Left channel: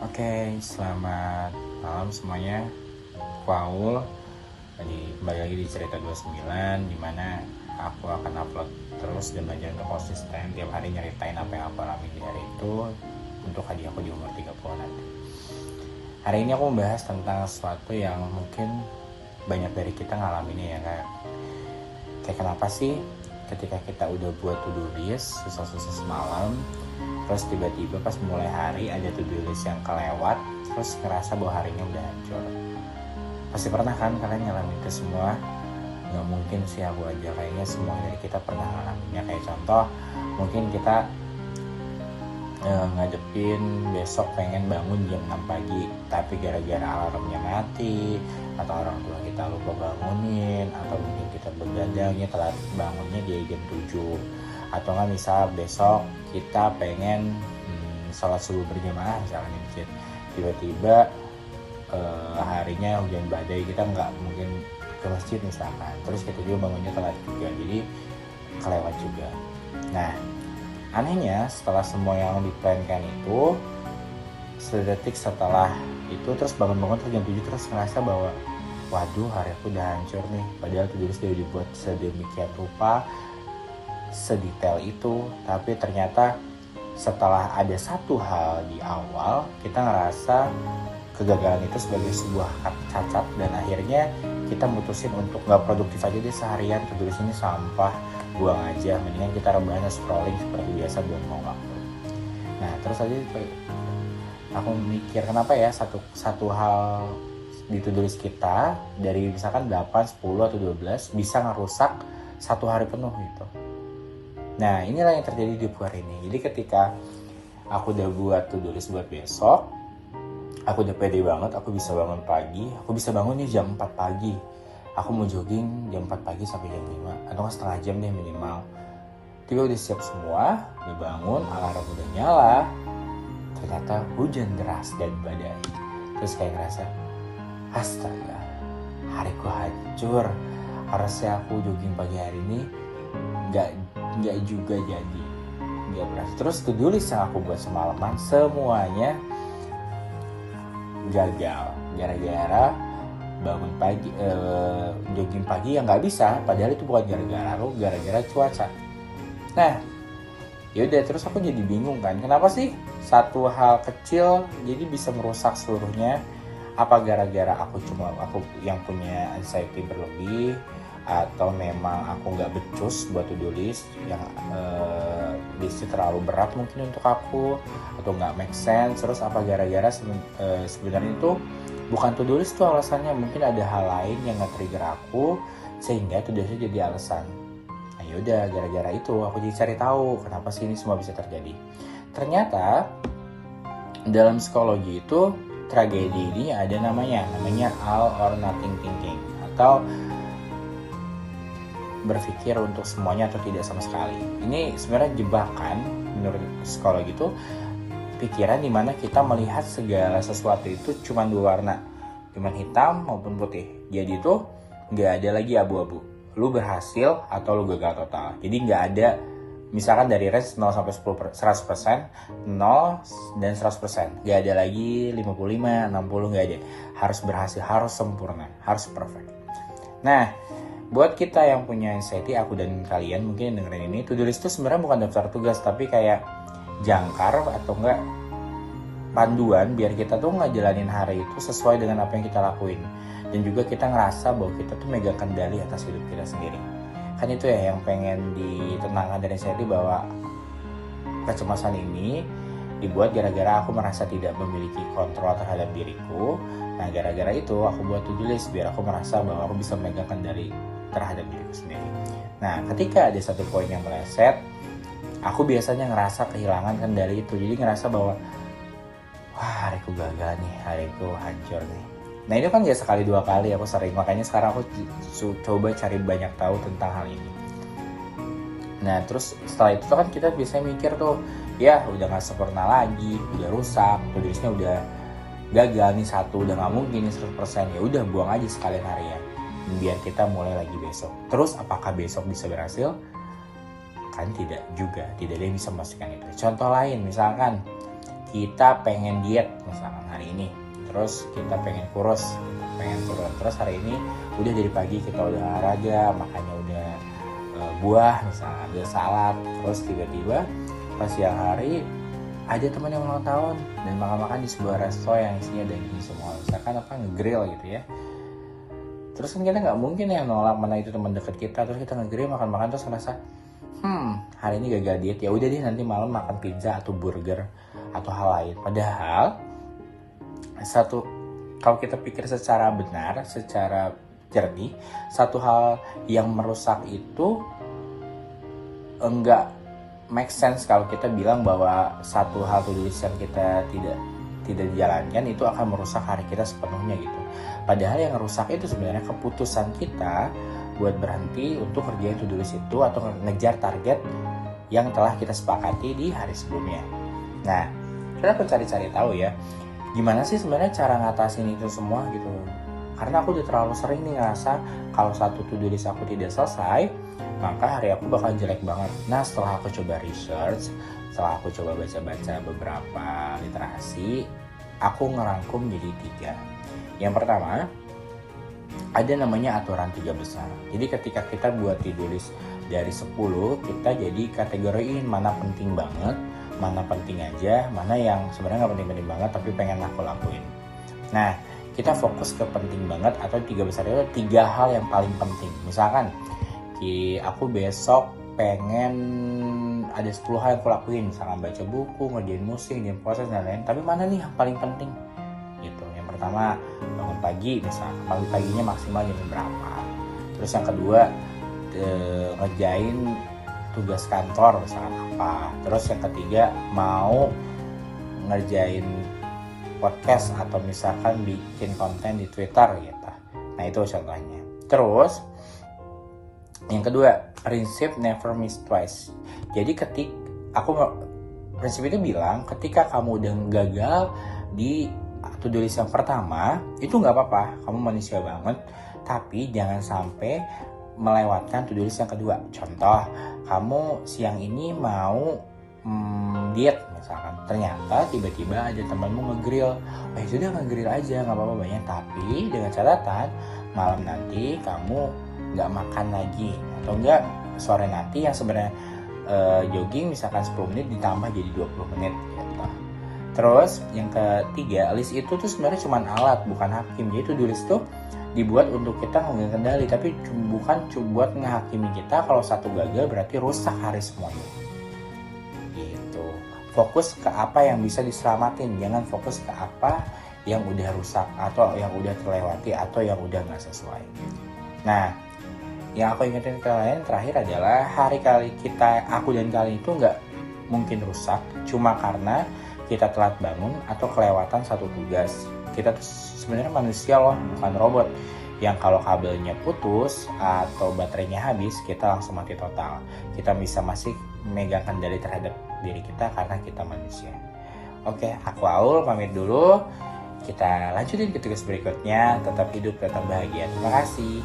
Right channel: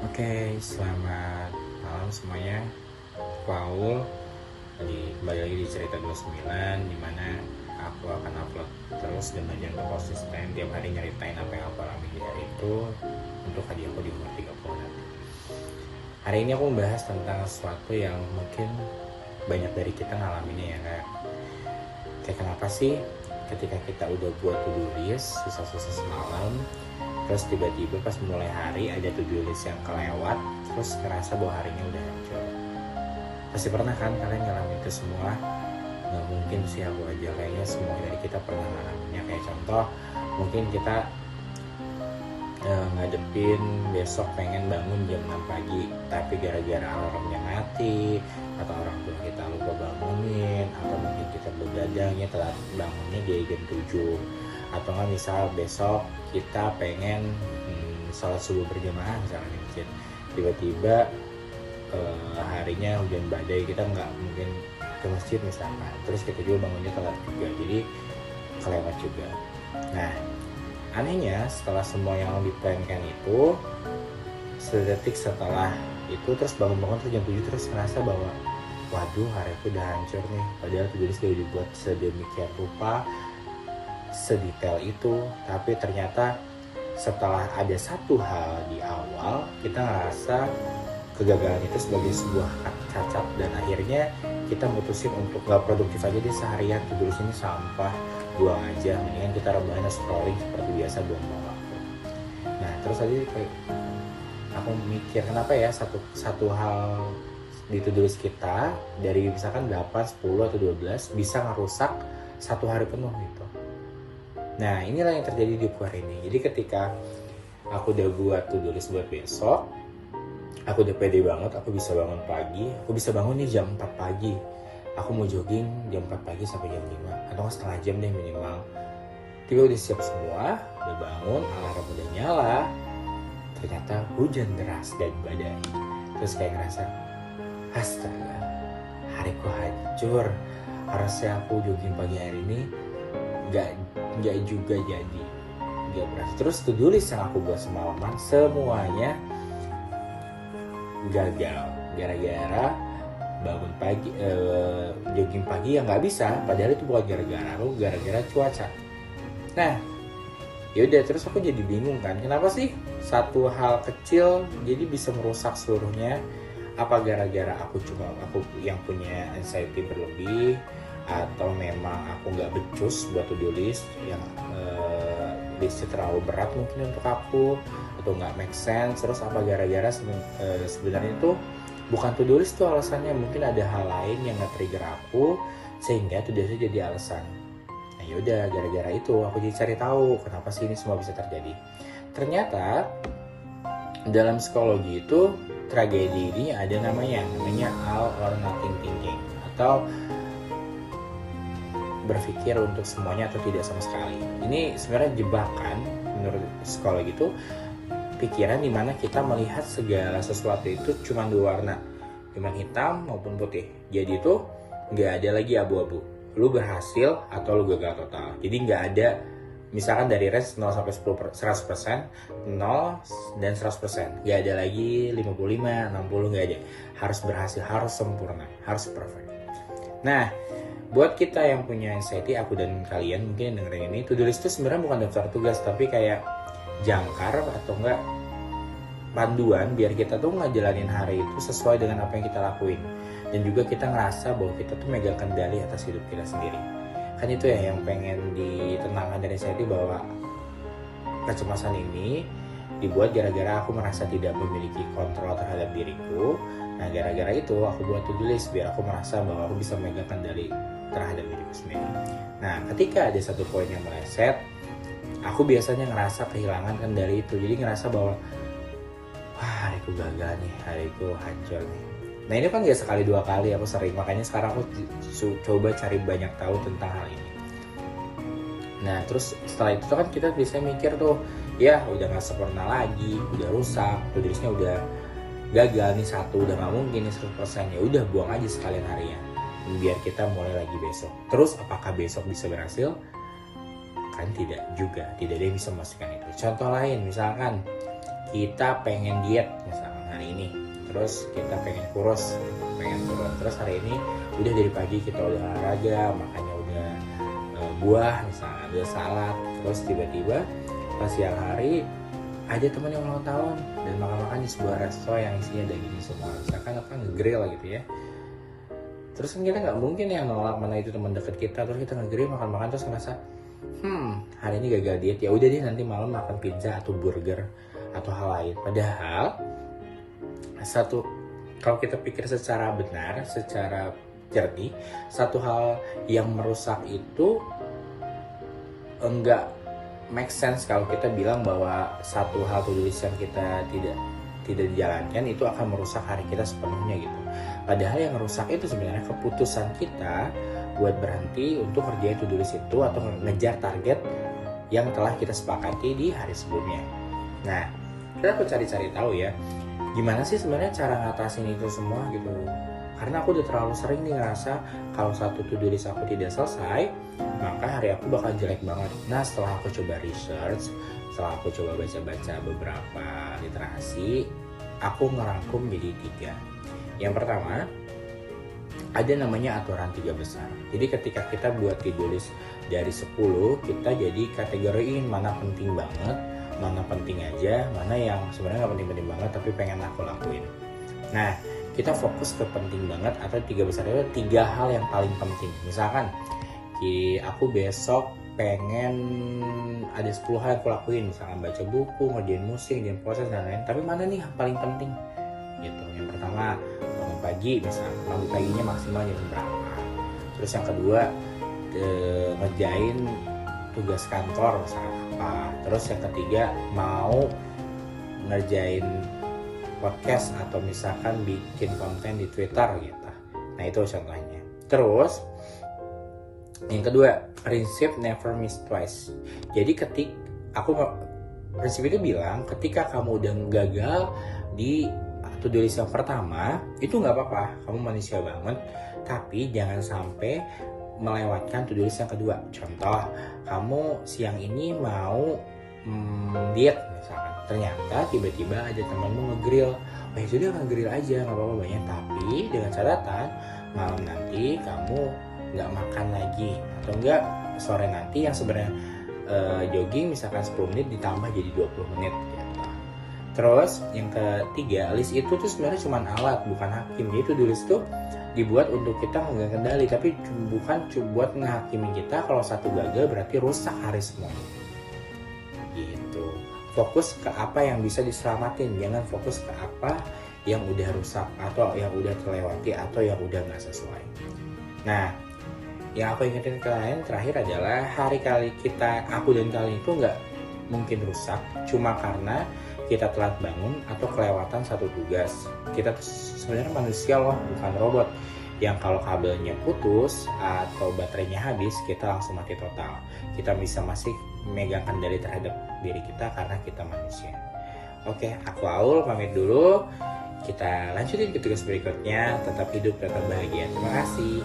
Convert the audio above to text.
Oke, selamat malam semuanya. Paul kembali lagi di Cerita 29, dimana aku akan upload terus dan belajar untuk konsisten tiap hari nyeritain apa yang aku alami di hari itu untuk hadiah aku di umur 30 nanti. Hari ini aku membahas tentang sesuatu yang mungkin banyak dari kita ngalaminnya ya, kayak kenapa sih ketika kita udah buat to-do list susah-susah semalam, terus tiba-tiba pas mulai hari ada to-do list yang kelewat, terus ngerasa bahwa harinya udah hancur. Pasti pernah kan kalian ngalamin itu semua? Nggak mungkin sih aku aja, kayaknya semua dari kita pernah ngalaminnya. Kayak contoh, mungkin kita ngadepin besok pengen bangun jam 6 pagi, tapi gara-gara alarmnya mati, atau orang tua kita lupa bangunin, atau mungkin kita begadangnya telat bangunnya di jam 7, atau nggak misal besok kita pengen sholat subuh berjamaah misalnya di masjid, tiba-tiba harinya hujan badai, kita nggak mungkin ke masjid misalkan, terus kita juga bangunnya telat juga, jadi kelewat juga. Nah, anehnya setelah semua yang diplankan itu, sedetik setelah itu terus bangun-bangun terus jam 7 terus ngerasa bahwa waduh, hari aku udah hancur nih. Padahal tulis udah dibuat sedemikian rupa, sedetail itu, tapi ternyata setelah ada satu hal di awal, kita ngerasa kegagalan itu sebagai sebuah cacat, dan akhirnya kita mutusin untuk gak produktif aja deh seharian, tulis ini sampah, buang aja, mendingan kita rebahan scrolling seperti biasa, buang waktu. Nah, terus aja aku mikir kenapa ya satu hal di to-do list kita dari misalkan 8, 10 atau 12 bisa ngerusak satu hari penuh gitu. Nah, inilah yang terjadi di hari ini. Jadi ketika aku udah buat to-do list buat besok, aku udah pede banget, aku bisa bangun pagi, aku bisa bangun nih jam 4 pagi. Aku mau jogging jam 4 pagi sampai jam 5, atau setengah jam deh minimal. Tiba udah siap semua, udah bangun, alarm udah nyala, ternyata hujan deras dan badai. Terus kayak ngerasa, astaga, hariku hancur. Harusnya aku jogging pagi hari ini, nggak juga jadi, nggak berhasil. Terus to-do list yang aku buat semalaman semuanya gagal gara-gara bangun pagi, jogging pagi yang nggak bisa. Padahal itu bukan gara-gara aku, gara-gara cuaca. Nah, yaudah, terus aku jadi bingung kan, kenapa sih satu hal kecil jadi bisa merusak seluruhnya? Apa gara-gara aku yang punya anxiety berlebih, atau memang aku nggak becus buat to-do list yang listnya terlalu berat mungkin untuk aku, atau nggak make sense? Terus apa gara-gara sebenarnya itu bukan to-do list tuh alasannya, mungkin ada hal lain yang nge-trigger aku sehingga to-do list jadi alasan. Nah, yaudah, gara-gara itu aku jadi cari tahu kenapa sih ini semua bisa terjadi. Ternyata dalam psikologi itu tragedi ini ada namanya all or nothing thinking, atau berpikir untuk semuanya atau tidak sama sekali. Ini sebenarnya jebakan menurut psikologi itu, pikiran dimana kita melihat segala sesuatu itu cuma dua warna, cuma hitam maupun putih. Jadi itu nggak ada lagi abu-abu, lu berhasil atau lu gagal total. Jadi nggak ada misalkan dari range 0 sampai 100%, 0 dan 100%. Nggak ada lagi 55, 60, nggak ada. Harus berhasil, harus sempurna, harus perfect. Nah, buat kita yang punya anxiety, aku dan kalian mungkin yang dengerin ini, to-do list itu sebenarnya bukan daftar tugas, tapi kayak jangkar atau enggak panduan biar kita tuh ngejalanin hari itu sesuai dengan apa yang kita lakuin, dan juga kita ngerasa bahwa kita tuh megang kendali atas hidup kita sendiri. Kan itu ya yang pengen ditentangkan dari anxiety, bahwa kecemasan ini dibuat gara-gara aku merasa tidak memiliki kontrol terhadap diriku. Nah, gara-gara itu aku buat to-do list biar aku merasa bahwa aku bisa memegang kendali terhadap diriku sendiri. Nah, ketika ada satu poin yang meleset, aku biasanya ngerasa kehilangan kendali itu. Jadi ngerasa bahwa wah, hariku gagal nih, hariku hancur nih. Nah, ini kan gak sekali dua kali, aku sering. Makanya sekarang aku coba cari banyak tahu tentang hal ini. Nah, terus setelah itu kan kita biasanya mikir tuh, ya udah gak sempurna lagi, udah rusak, tulisnya udah gagal nih satu, udah gak mungkin nih 100%. Ya udah, buang aja sekalian harinya, biar kita mulai lagi besok. Terus apakah besok bisa berhasil? Kan tidak juga, tidak ada yang bisa memastikan itu. Contoh lain, misalkan kita pengen diet misalkan, hari ini. Terus kita pengen kurus, pengen turun. Terus hari ini udah dari pagi kita udah olahraga, makanya udah buah misalnya, ada salad. Terus tiba-tiba pas siang hari ada teman yang ulang tahun dan makan-makan di sebuah resto yang isinya daging semua. Misalkan apa, nge-grill gitu ya. Terus kan kita nggak mungkin ya nolak, mana itu teman dekat kita. Terus kita nge-grill, makan-makan, terus ngerasa hari ini gagal diet, ya udah deh nanti malam makan pizza atau burger atau hal lain. Padahal kalau kita pikir secara benar, secara jernih, satu hal yang merusak itu enggak make sense kalau kita bilang bahwa satu hal to-do list yang kita tidak dijalankan itu akan merusak hari kita sepenuhnya gitu. Padahal yang merusak itu sebenarnya keputusan kita buat berhenti untuk kerjain to-do list itu atau ngejar target yang telah kita sepakati di hari sebelumnya. Nah, kita aku cari-cari tahu ya, gimana sih sebenarnya cara ngatasin itu semua gitu. Karena aku udah terlalu sering nih ngerasa kalau satu to-do list aku tidak selesai, maka hari aku bakal jelek banget. Nah, setelah aku coba research, setelah aku coba baca-baca beberapa literasi, aku ngerangkum jadi 3. Yang pertama, ada namanya aturan 3 besar. Jadi ketika kita buat to-do list dari 10, kita jadi kategoriin mana penting banget, mana penting aja, mana yang sebenarnya nggak penting-penting banget tapi pengen aku lakuin. Nah, kita fokus ke penting banget atau 3 besar itu 3 hal yang paling penting. Misalkan aku besok pengen ada 10 hal yang aku lakuin, misalkan baca buku, ngerjain musik, ngerjain proses dan lain-lain. Tapi mana nih yang paling penting? Gitu. Yang pertama, bangun pagi, misalkan bangun paginya maksimal jam berapa. Terus yang kedua, ngerjain tugas kantor misalkan apa. Terus yang ketiga, mau ngerjain podcast atau misalkan bikin konten di Twitter gitu. Nah, itu contohnya. Terus yang kedua, prinsip never miss twice. Jadi prinsip itu bilang ketika kamu udah gagal di to-do list yang pertama, itu nggak apa-apa, kamu manusia banget. Tapi jangan sampai melewatkan to-do list yang kedua. Contoh, kamu siang ini mau diet misalkan, ternyata tiba-tiba ada temanmu nge-grill. Sudah nge-grill aja, nggak apa-apa banyak. Tapi dengan catatan malam nanti kamu nggak makan lagi, atau enggak sore nanti yang sebenarnya jogging misalkan 10 menit ditambah jadi 20 menit gitu. Terus yang ketiga, list itu tuh sebenarnya cuma alat, bukan hakim. Jadi to-do list tuh dibuat untuk kita nggak kendali, tapi bukan buat ngehakimi kita. Kalau satu gagal berarti rusak hari semuanya gitu. Fokus ke apa yang bisa diselamatin, jangan fokus ke apa yang udah rusak atau yang udah terlewati atau yang udah nggak sesuai. Nah, yang aku ingetin ke kalian terakhir adalah aku dan kalian itu nggak mungkin rusak cuma karena kita telat bangun atau kelewatan satu tugas. Kita tuh sebenarnya manusia loh, bukan robot yang kalau kabelnya putus atau baterainya habis kita langsung mati total. Kita bisa masih memegang kendali terhadap diri kita karena kita manusia. Oke, aku Aul pamit dulu. Kita lanjutin ke tugas berikutnya. Tetap hidup, tetap bahagia. Terima kasih.